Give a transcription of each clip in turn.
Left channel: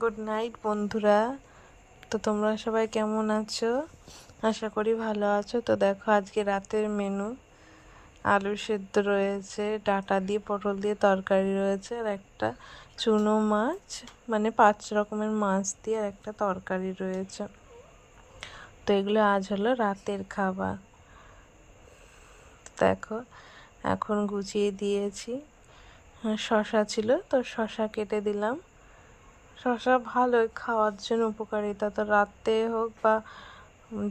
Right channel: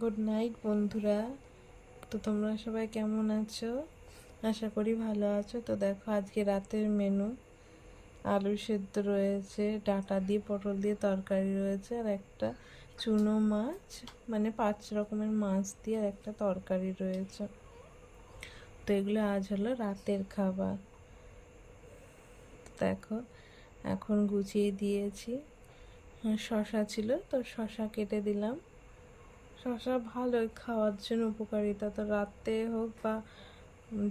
Good night বন্ধুরা। তো তোমরা সবাই কেমন আছো? আশা করি ভালো আছো। তো দেখো আজকে রাতের মেনু আলু সেদ্ধ রয়েছে, ডাঁটা দিয়ে পটল দিয়ে তরকারি রয়েছে, আর একটা চুনো মাছ, মানে 5 রকমের মাছ দিয়ে আর একটা তরকারি রয়েছে। তো এগুলো আজ হলো রাতের খাবার। দেখো এখন গুছিয়ে দিয়েছি। শশা ছিল তো শশা কেটে দিলাম। শশা ভালোই খাওয়ার জন্য উপকারিতা, তো রাতে হোক বা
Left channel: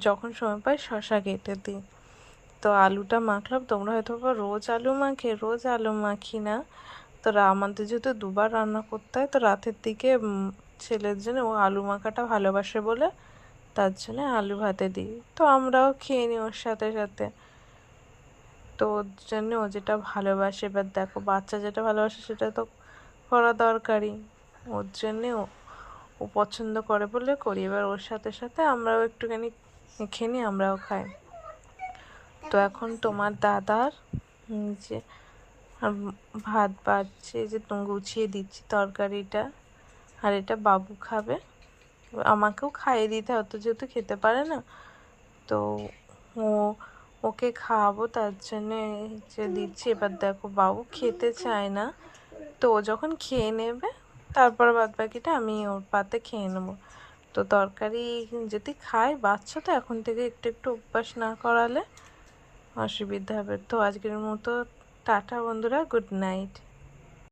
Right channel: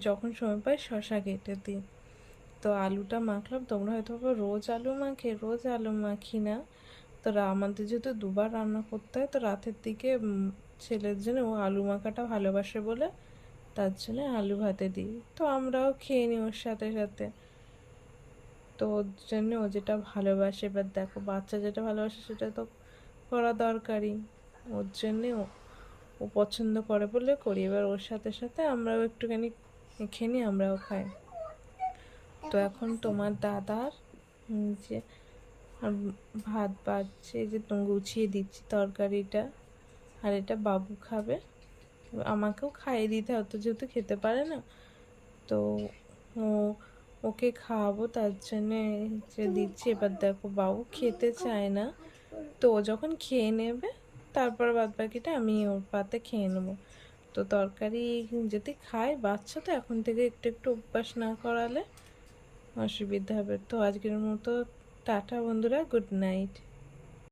যখন সময় পাই শশা কেটে দিই। তো আলুটা মাখলাম। তোমরা হয়তো রোজ আলু মাখে, রোজ আলু মাখি না। তো আমাদের যেহেতু দুবার রান্না করতে হয়, তো রাতের দিকে ছেলের জন্য ও আলু মাখাটা ভালোবাসে বলে তার জন্য আলু ভাতে দিই। তো আমরাও খেয়ে নিই ওর সাথে সাথে। তো ওর জন্য ও যেটা ভালোবাসে, এবার দেখো বাচ্চা যেটা ভালোবাসে সেটা তো করা দরকারি। ওর জন্যে ও পছন্দ করে বলে করি। এবার ওর সাথে সাথে আমরাও একটুখানি মেখে নিই, আমরাও খাই। তো এখন তোমার দাদার যে ভাত বাড়ছে, যে তুমি গুছিয়ে দিচ্ছি তরকারিটা, আর এটা বাবু খাবে। আমাকেও খাইয়ে দিতে হয়, তো যেহেতু খেতে পারে না, তো ও ওকে খাওয়াবো তার জন্যে যে দিচ্ছি। এবার দেখো বাবু খেতে চায় না, তো ও যখন খেয়ে নেবে তারপর বাদ বাকিটা আমি ওর পাতে খেয়ে নেবো। তো তরকারি যদি খায়, বাচ্চা তো এখন থেকে একটু একটু অভ্যাস না করালে অসুবিধা হবে। তো আজকের মতো টাটা বন্ধুরা, গুড নাইট।